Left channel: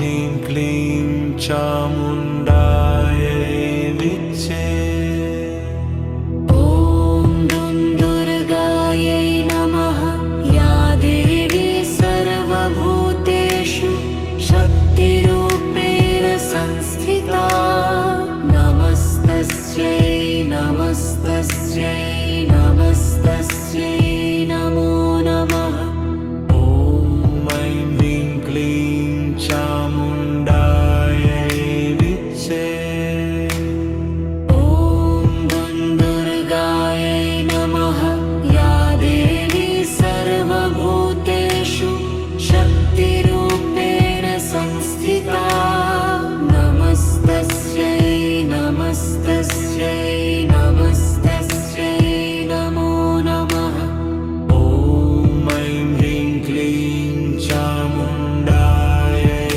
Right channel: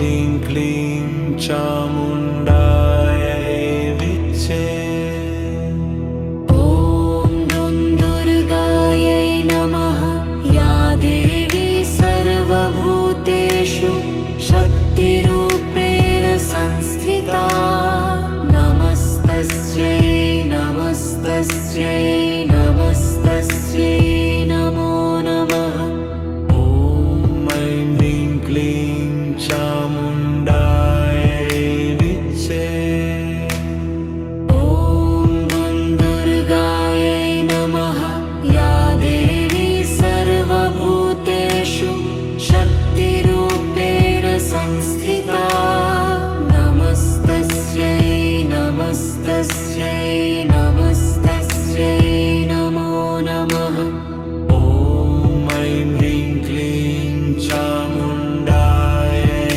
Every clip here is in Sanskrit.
ह्रीं क्लीं चामुण्डायै विच्चे। ॐ दुर्गायै नमः। या देवी सर्वभूतेषु शक्तिरूपेण संस्थिता। नमस्तस्यै नमस्तस्यै नमस्तस्यै नमो नमः। ॐ ऐं ह्रीं क्लीं चामुण्डायै विच्चे। ॐ दुर्गायै नमः। या देवी सर्वभूतेषु शक्तिरूपेण संस्थिता। नमस्तस्यै नमस्तस्यै नमस्तस्यै नमो नमः। ॐ ऐं ह्रीं क्लीं चामुण्डायै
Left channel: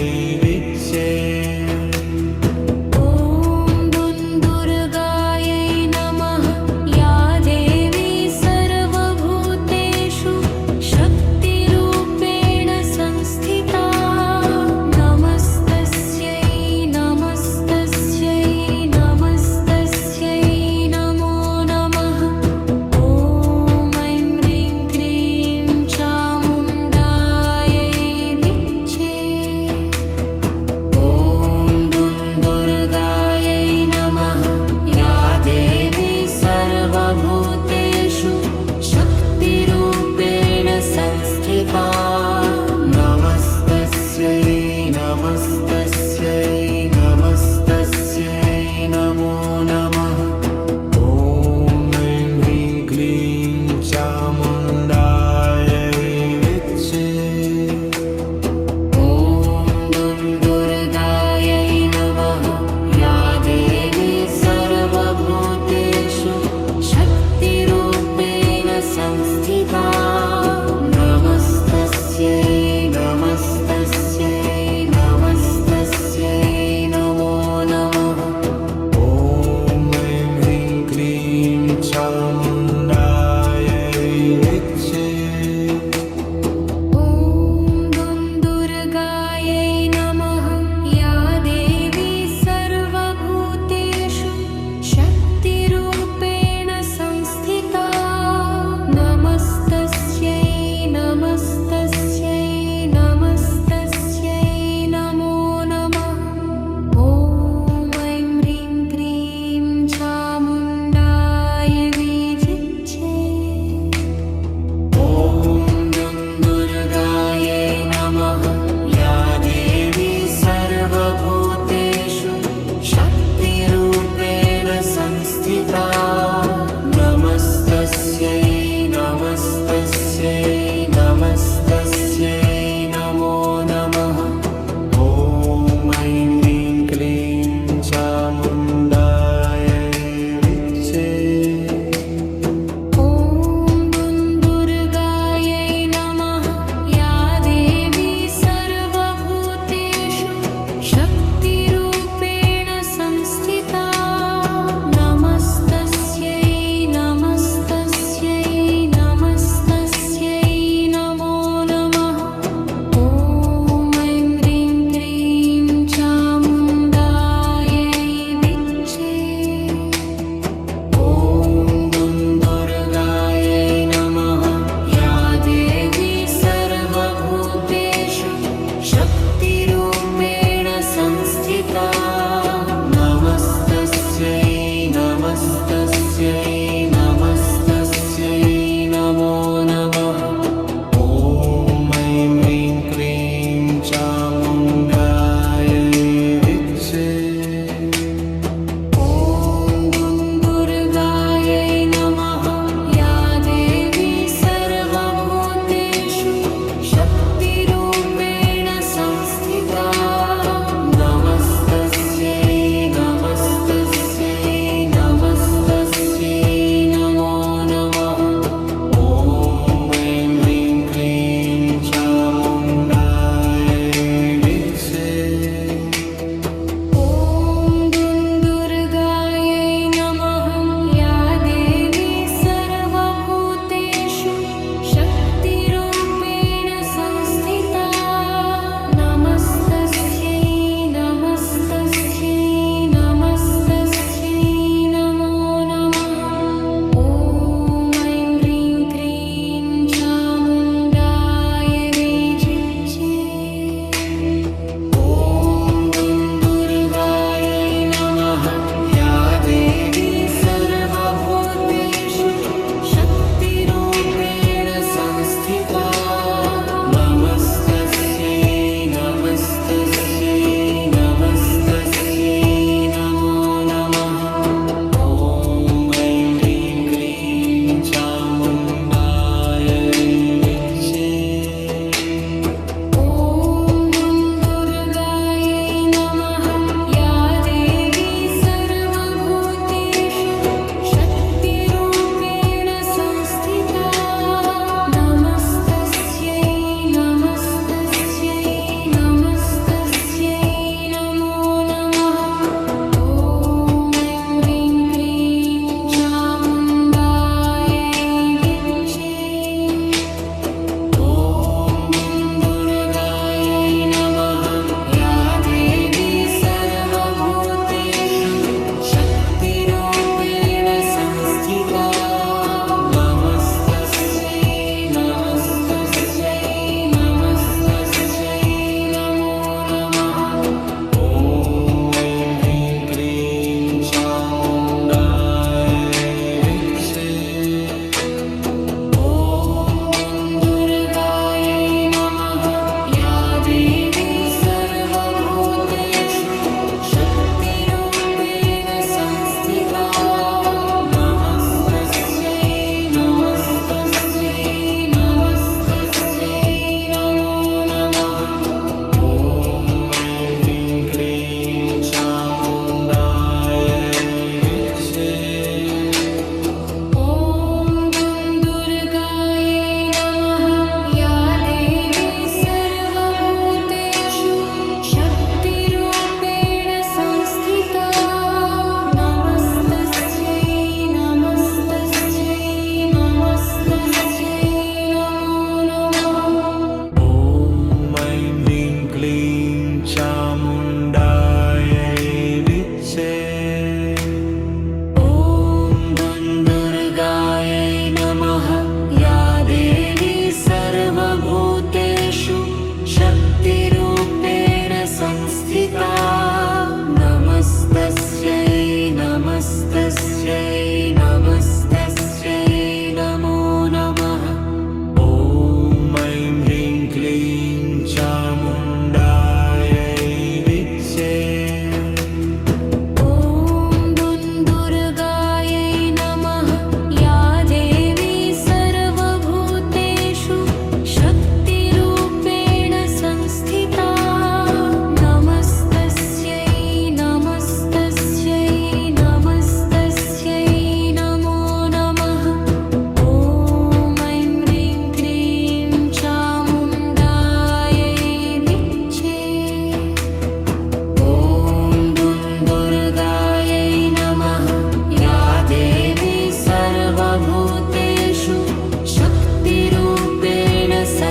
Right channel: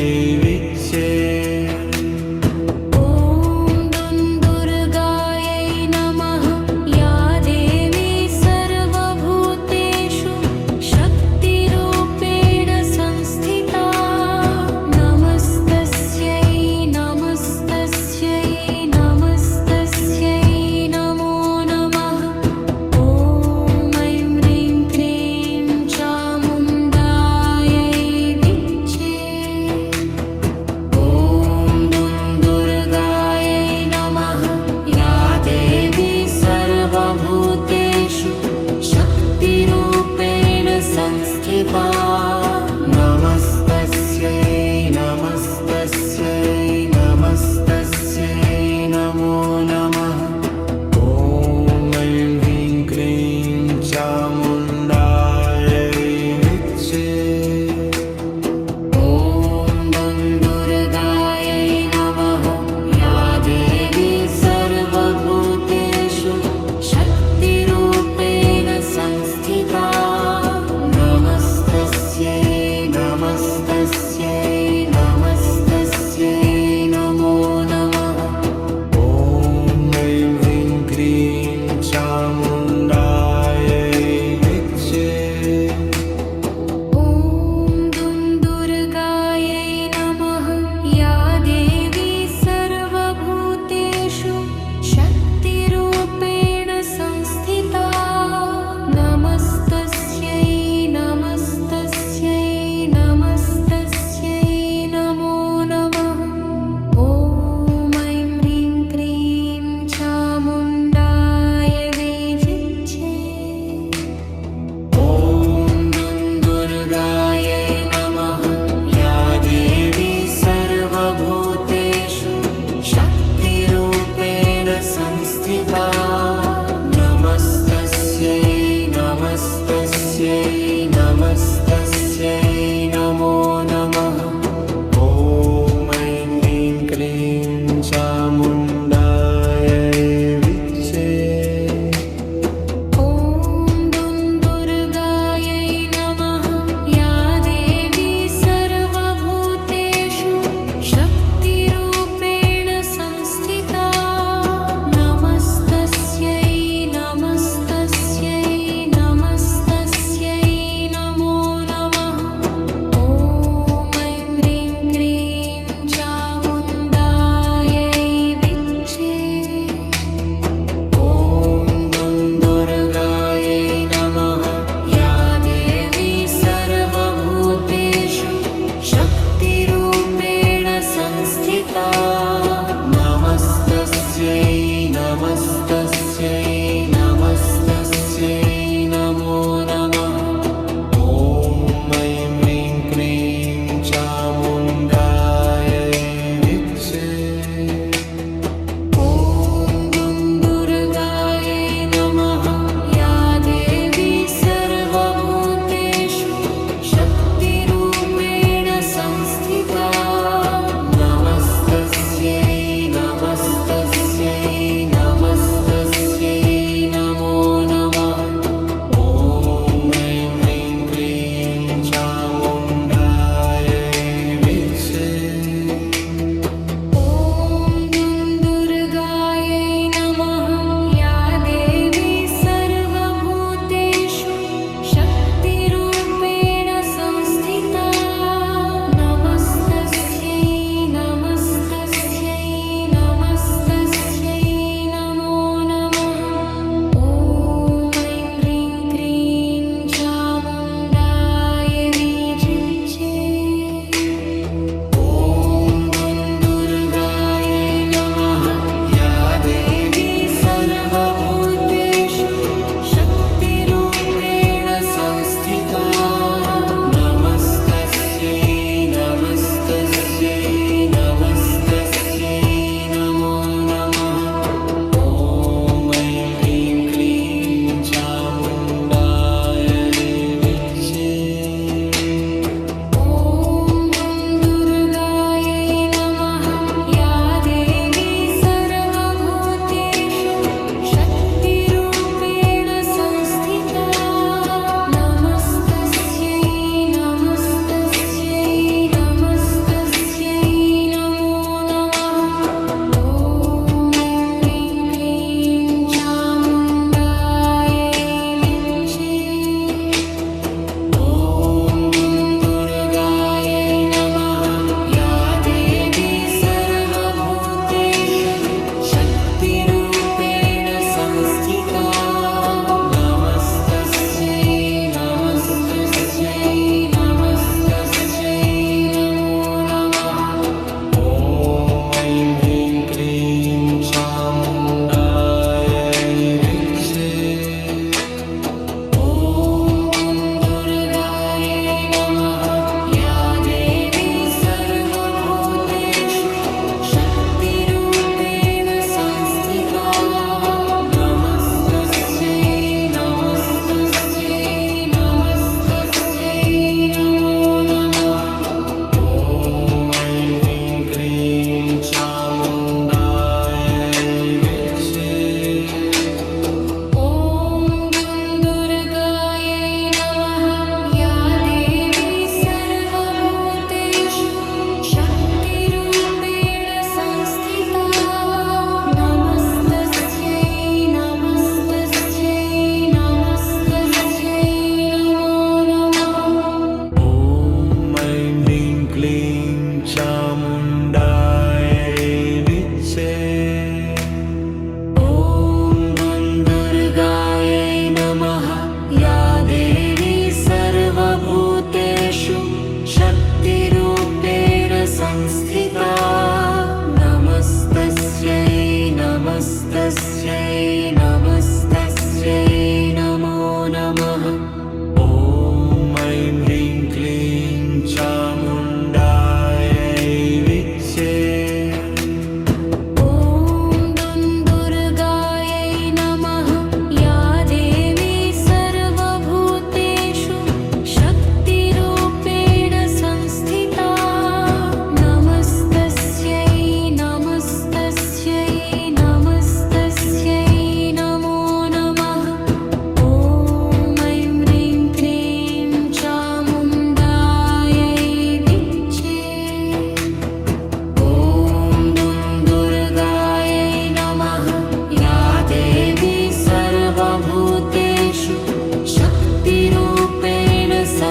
विच्चे। ॐ दुर्गायै नमः। या देवी सर्वभूतेषु शक्तिरूपेण संस्थिता। नमस्तस्यै नमस्तस्यै नमस्तस्यै नमो नमः। ॐ ऐं ह्रीं क्लीं चामुण्डायै विच्चे। ॐ दुर्गायै नमः। या देवी सर्वभूतेषु शक्तिरूपेण संस्थिता। नमस्तस्यै नमस्तस्यै नमस्तस्यै नमो नमः। ॐ ऐं ह्रीं क्लीं चामुण्डायै विच्चे। ॐ दुर्गायै नमः। या देवी सर्वभूतेषु शक्तिरूपेण संस्थिता। नमस्तस्यै नमस्तस्यै नमस्तस्यै नमो नमः। ॐ ऐं ह्रीं क्लीं चामुण्डायै विच्चे। ॐ दुर्गायै नमः। या देवी सर्वभूतेषु शक्तिरूपेण संस्थिता। नमस्तस्यै नमस्तस्यै नमस्तस्यै नमो नमः। ॐ ऐं ह्रीं क्लीं चामुण्डायै विच्चे। ॐ दुर्गायै नमः। या देवी सर्वभूतेषु शक्तिरूपेण संस्थिता। नमस्तस्यै नमस्तस्यै नमस्तस्यै नमो नमः। ॐ ऐं ह्रीं क्लीं चामुण्डायै विच्चे। ॐ दुर्गायै नमः। या देवी सर्वभूतेषु शक्तिरूपेण संस्थिता। नमस्तस्यै नमस्तस्यै नमस्तस्यै नमो नमः।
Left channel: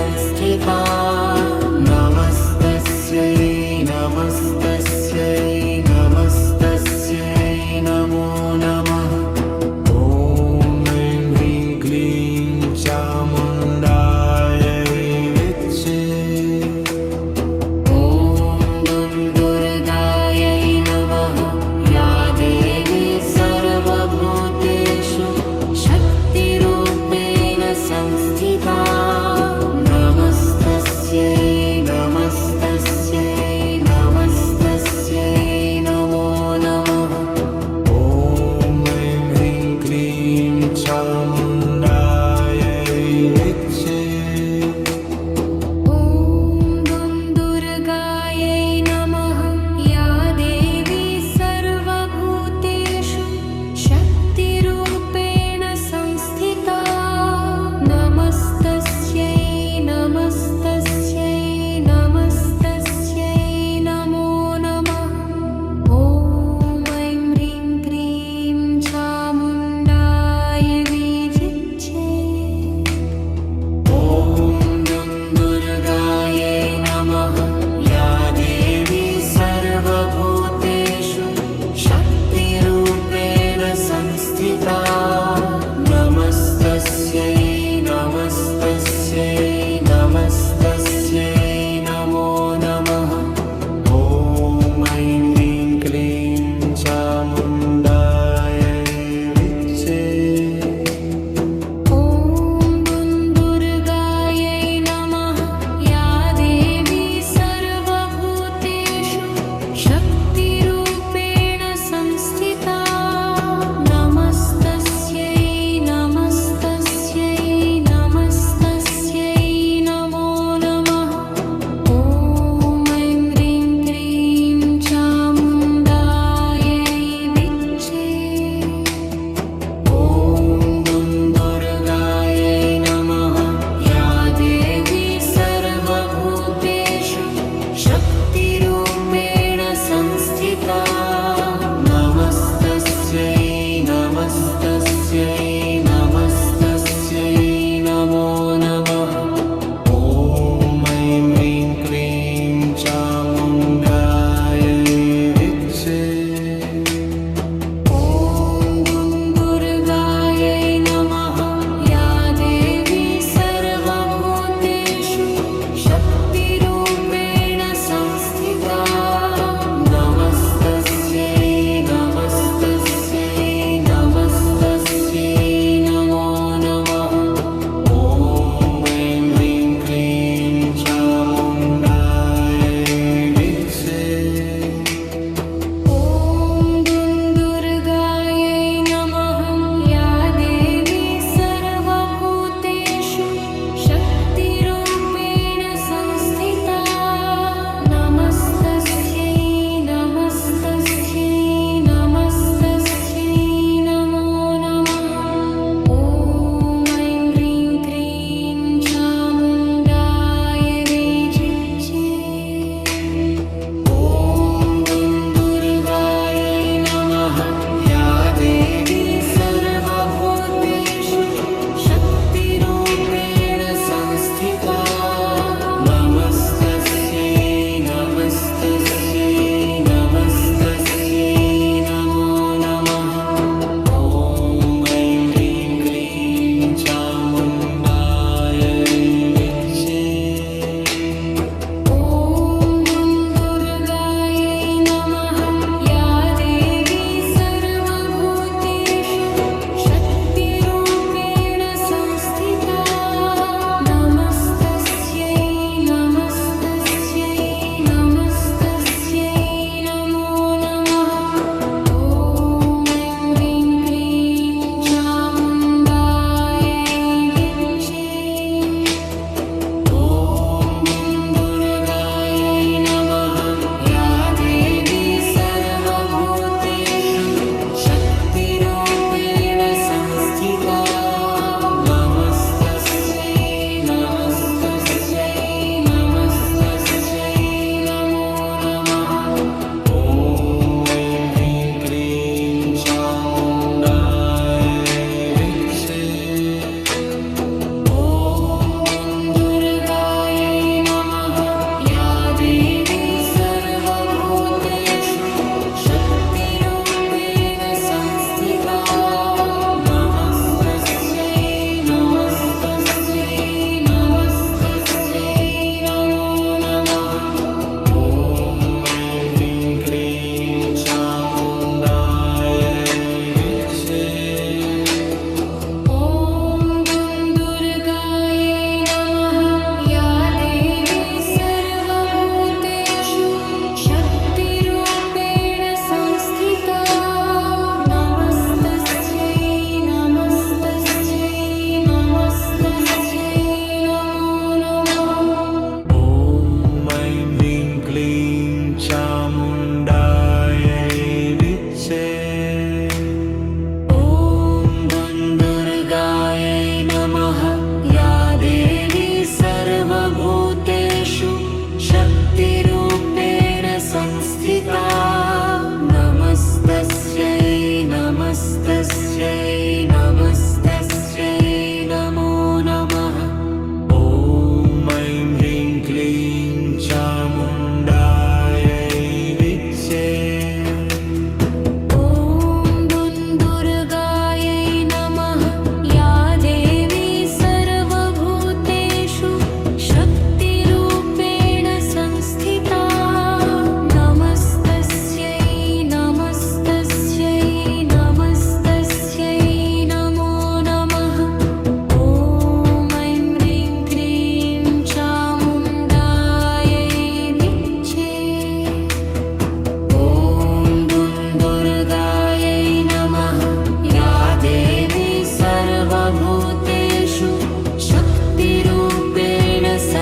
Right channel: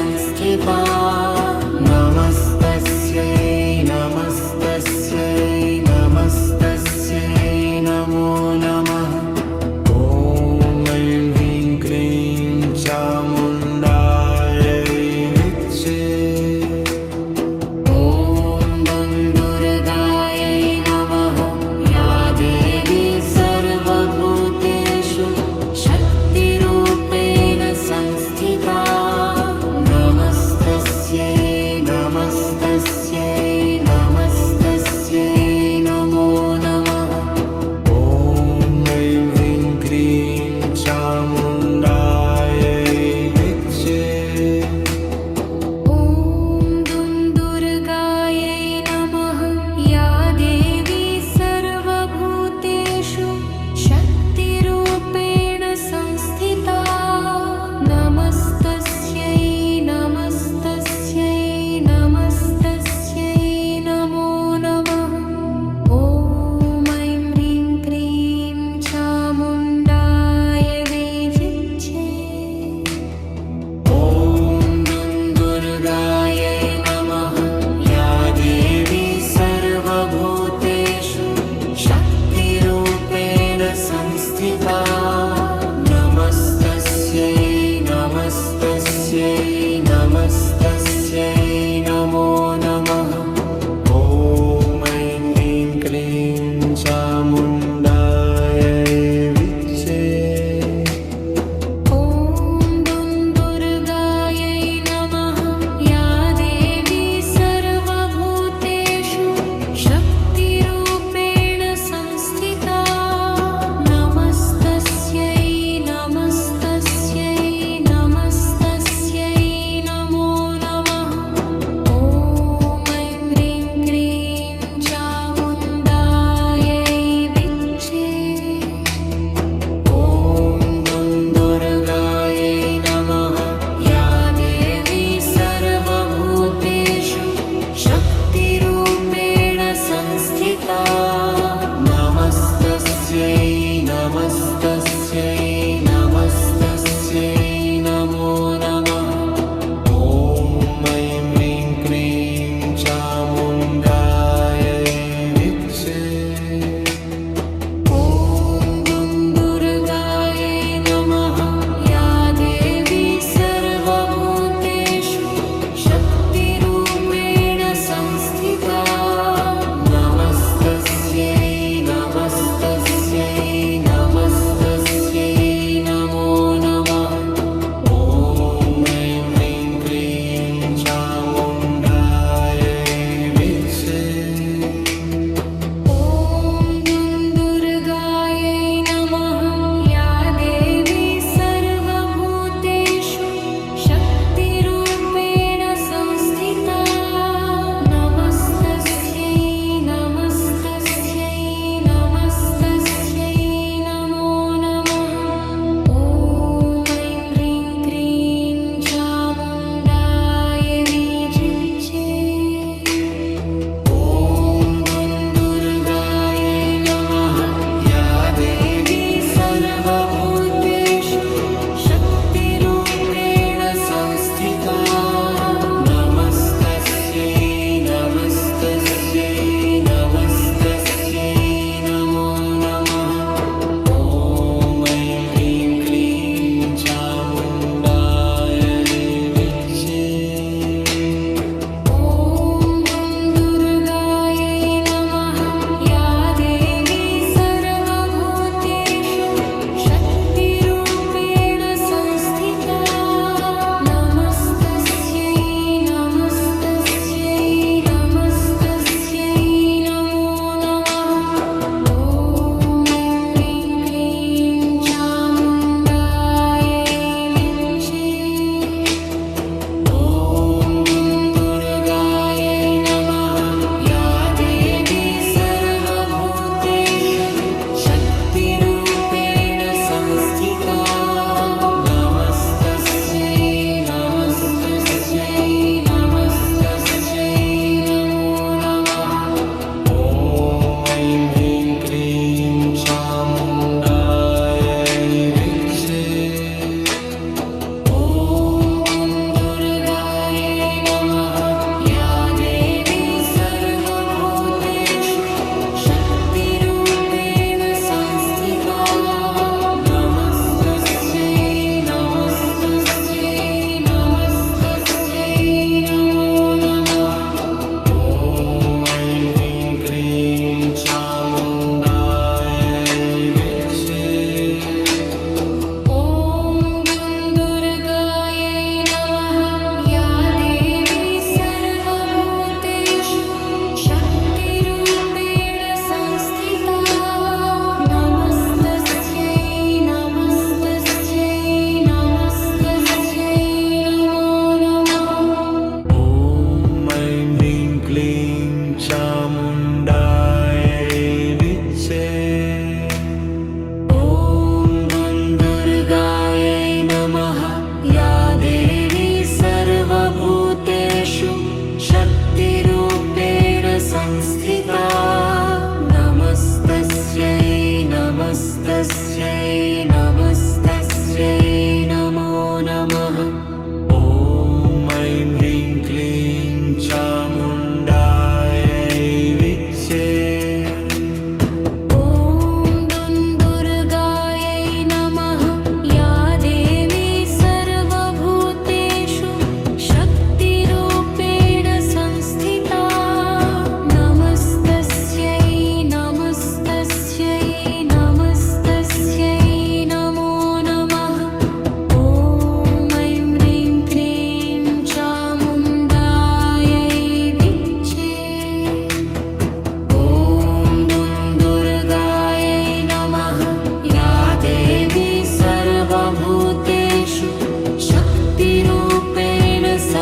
संस्थिता नमस्तस्यै नमस्तस्यै नमस्तस्यै नमो नमः ॐ ऐं ह्रीं क्लीं चामुण्डायै विच्चे ॐ दुर्गायै नमः या देवी सर्वभूतेषु शक्तिरूपेण संस्थिता नमस्तस्यै नमस्तस्यै नमस्तस्यै नमो नमः ॐ ऐं ह्रीं क्लीं चामुण्डायै विच्चे ॐ दुर्गायै नमः या देवी सर्वभूतेषु शक्तिरूपेण संस्थिता नमस्तस्यै नमस्तस्यै नमस्तस्यै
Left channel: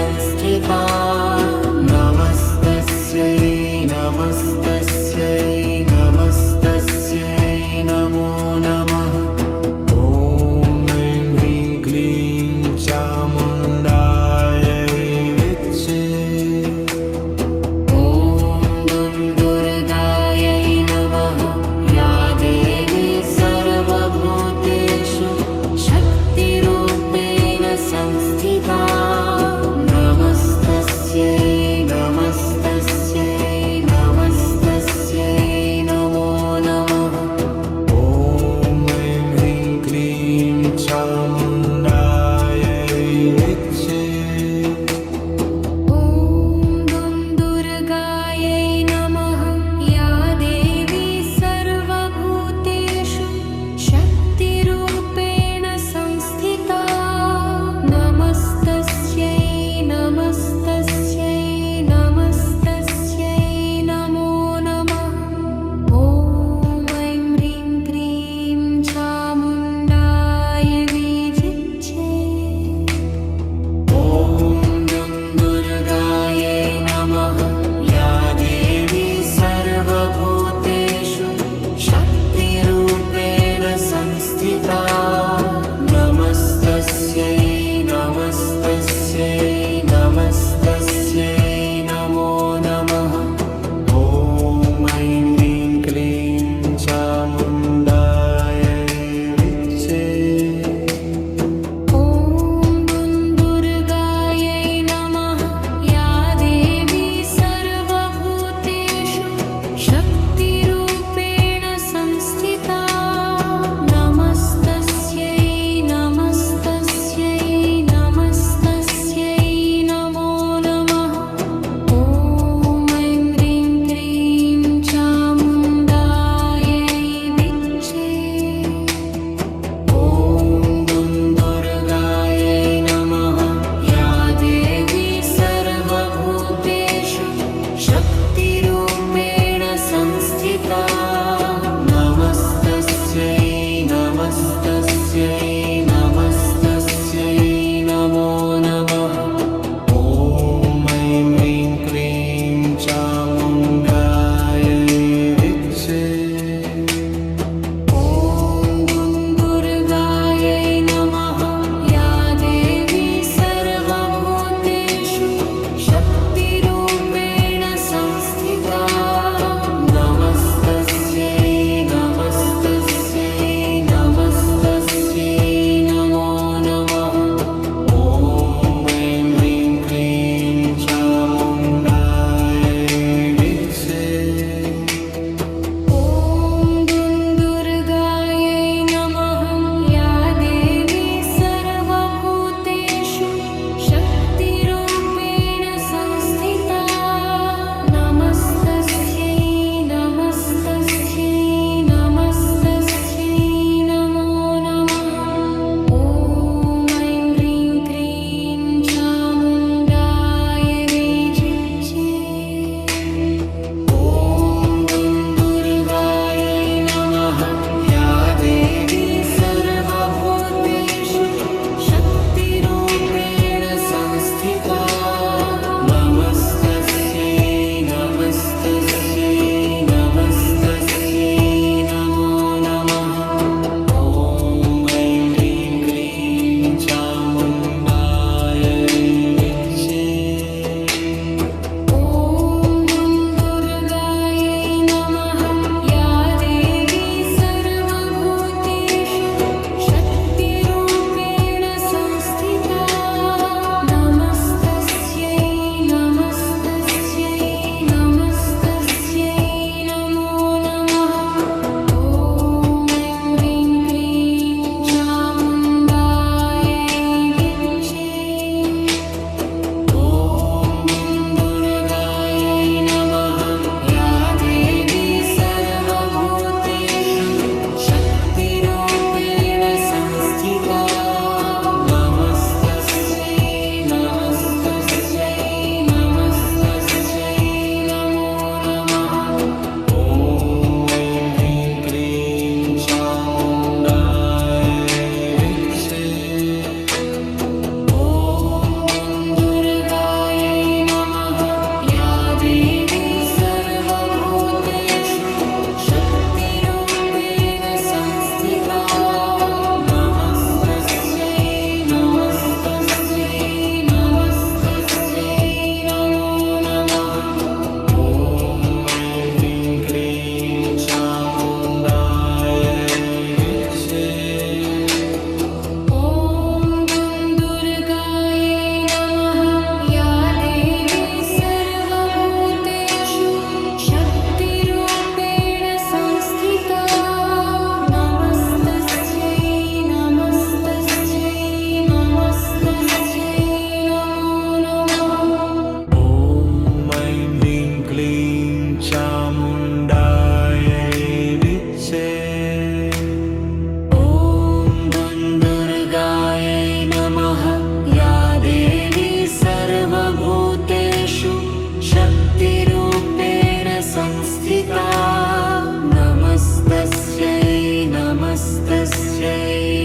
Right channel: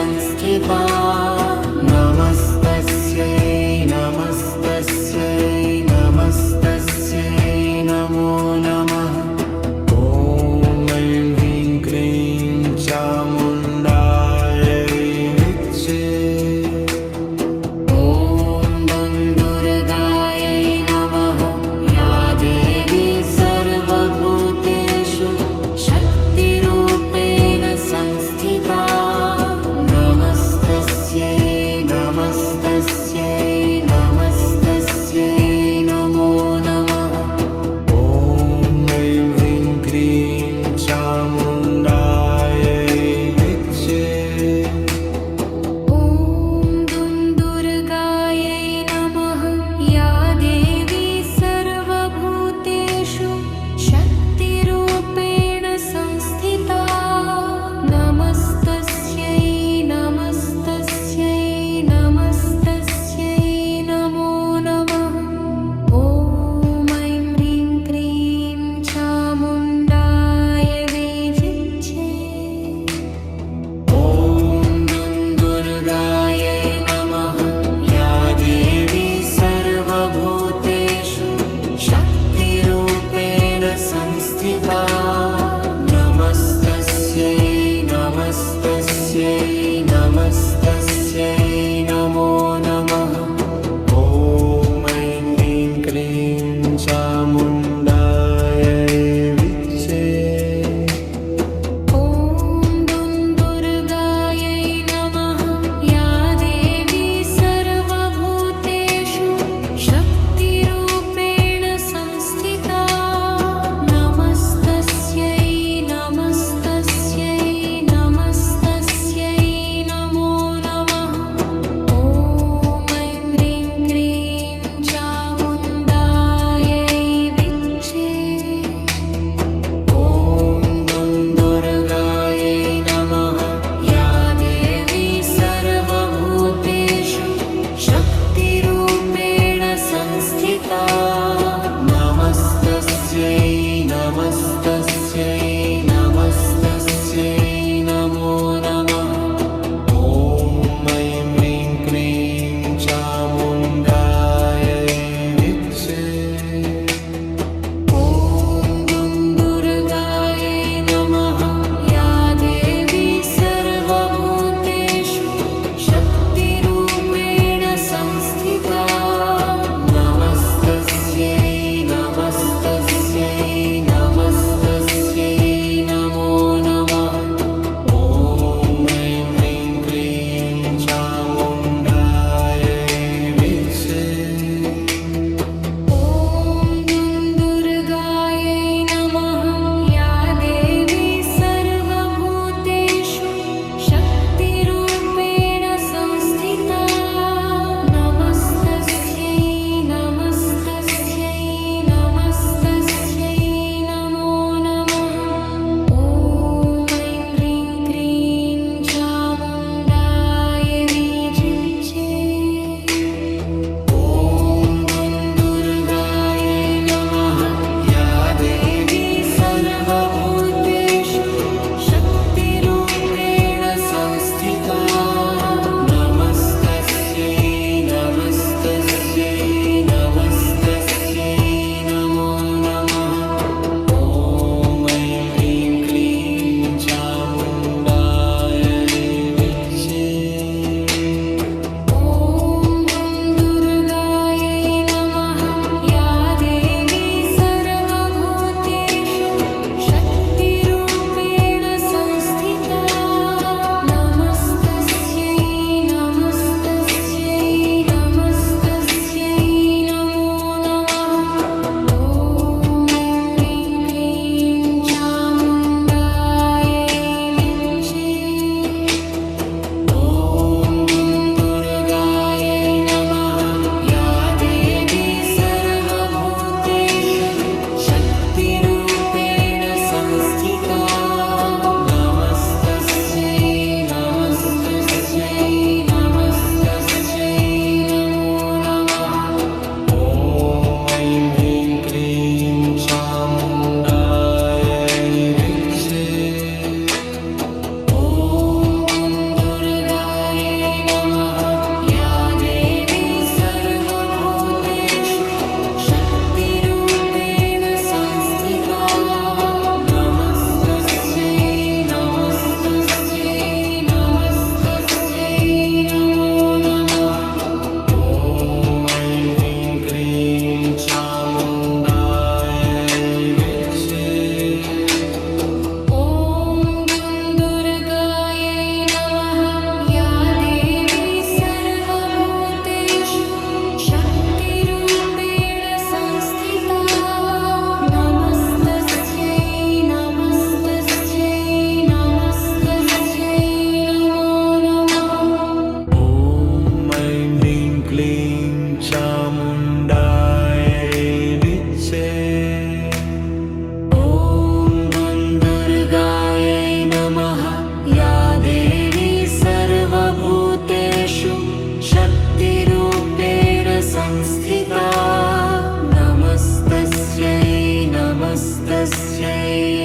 संस्थिता नमस्तस्यै नमस्तस्यै नमस्तस्यै नमो नमः ॐ ऐं ह्रीं क्लीं चामुण्डायै विच्चे ॐ दुर्गायै नमः या देवी सर्वभूतेषु शक्तिरूपेण संस्थिता नमस्तस्यै नमस्तस्यै नमस्तस्यै नमो नमः ॐ ऐं ह्रीं क्लीं चामुण्डायै विच्चे ॐ दुर्गायै नमः या देवी सर्वभूतेषु शक्तिरूपेण संस्थिता नमस्तस्यै नमस्तस्यै नमस्तस्यै नमो नमः ॐ ऐं ह्रीं क्रीं चामुण्डाय विजिच्ये ॐ दुर्गायै नमः या देवी सर्वभूतेषु शक्तिरूपेण संस्थिता नमस्तस्यै नमस्तस्यै नमस्तस्यै नमो नमः ॐ ऐं ह्रीं क्लीं चामुण्डायै विच्चे ॐ दुर्गायै नमः या देवी सर्वभूतेषु शक्तिरूपेण संस्थिता नमस्तस्यै नमस्तस्यै नमस्तस्यै नमो नमः ॐ ऐं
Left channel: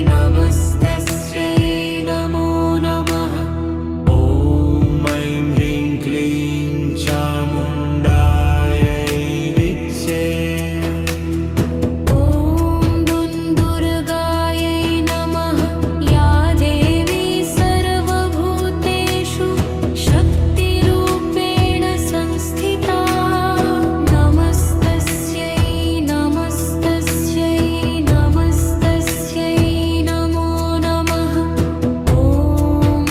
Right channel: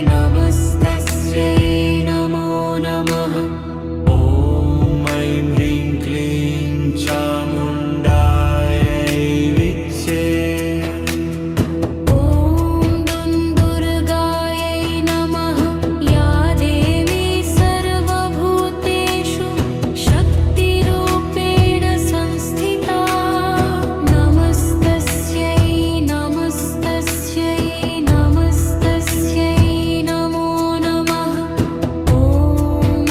नमस्तस्यै नमो नमः ॐ ऐं ह्रीं क्लीं चामुण्डायै विच्चे ॐ दुन्दुर्गायै नमः या देवी सर्वभूतेषु शक्तिरूपेण संस्थिता नमस्तस्यै नमस्तस्यै नमस्तस्यै नमो नमः ॐ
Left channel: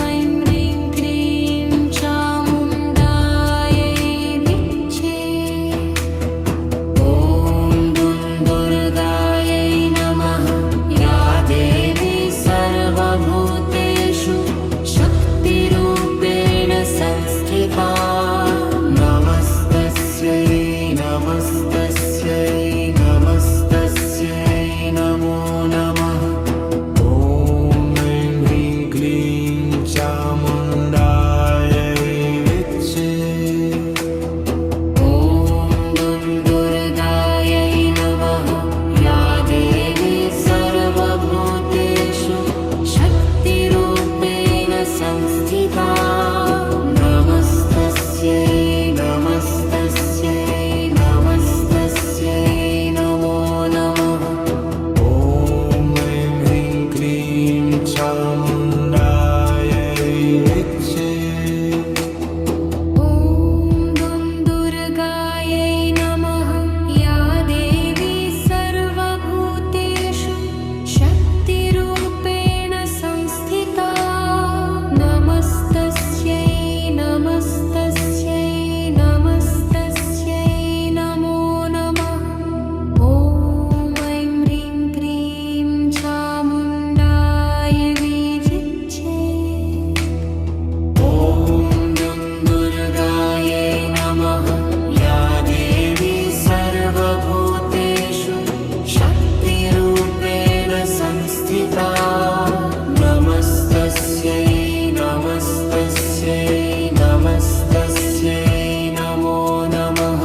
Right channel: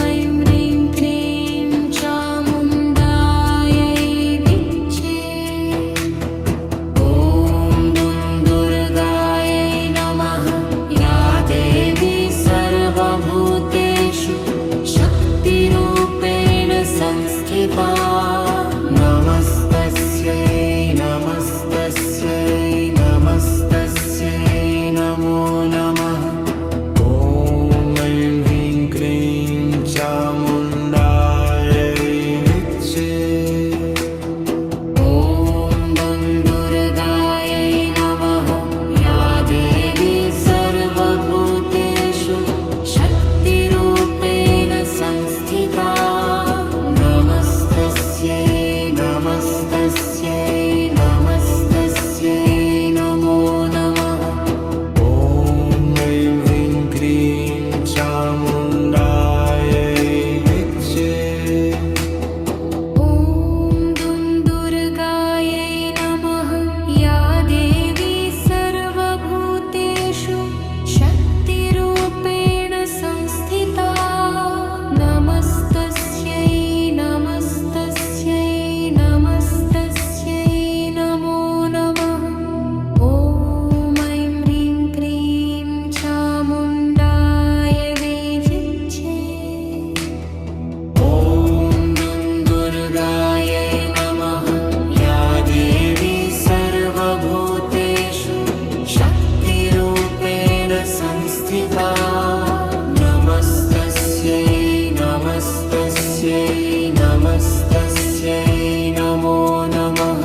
ऐं ह्रीं क्लीं चामुण्डायै विच्चे ॐ दुन्दुर्गायै नमः या देवी सर्वभूतेषु शक्तिरूपेण संस्थिता नमस्तस्यै नमस्तस्यै नमस्तस्यै नमो नमः ॐ ऐं ह्रीं क्लीं चामुण्डायै विच्चे ॐ दुन्दुर्गायै नमः या देवी सर्वभूतेषु शक्तिरूपेण संस्थिता नमस्तस्यै नमस्तस्यै नमस्तस्यै नमो नमः ॐ ऐं ह्रीं क्लीं चामुण्डायै विच्चे ॐ दुन्दुर्गायै नमः या देवी सर्वभूतेषु शक्तिरूपेण संस्थिता नमस्तस्यै नमस्तस्यै नमस्तस्यै नमो नमः ॐ ऐं ह्रीं क्लीं चामुण्डायै विचिच्ये ॐ दुन्दुर्गायै नमः या देवी सर्वभूतेषु शक्तिरूपेण संस्थिता नमस्तस्यै नमस्तस्यै नमस्तस्यै नमो नमः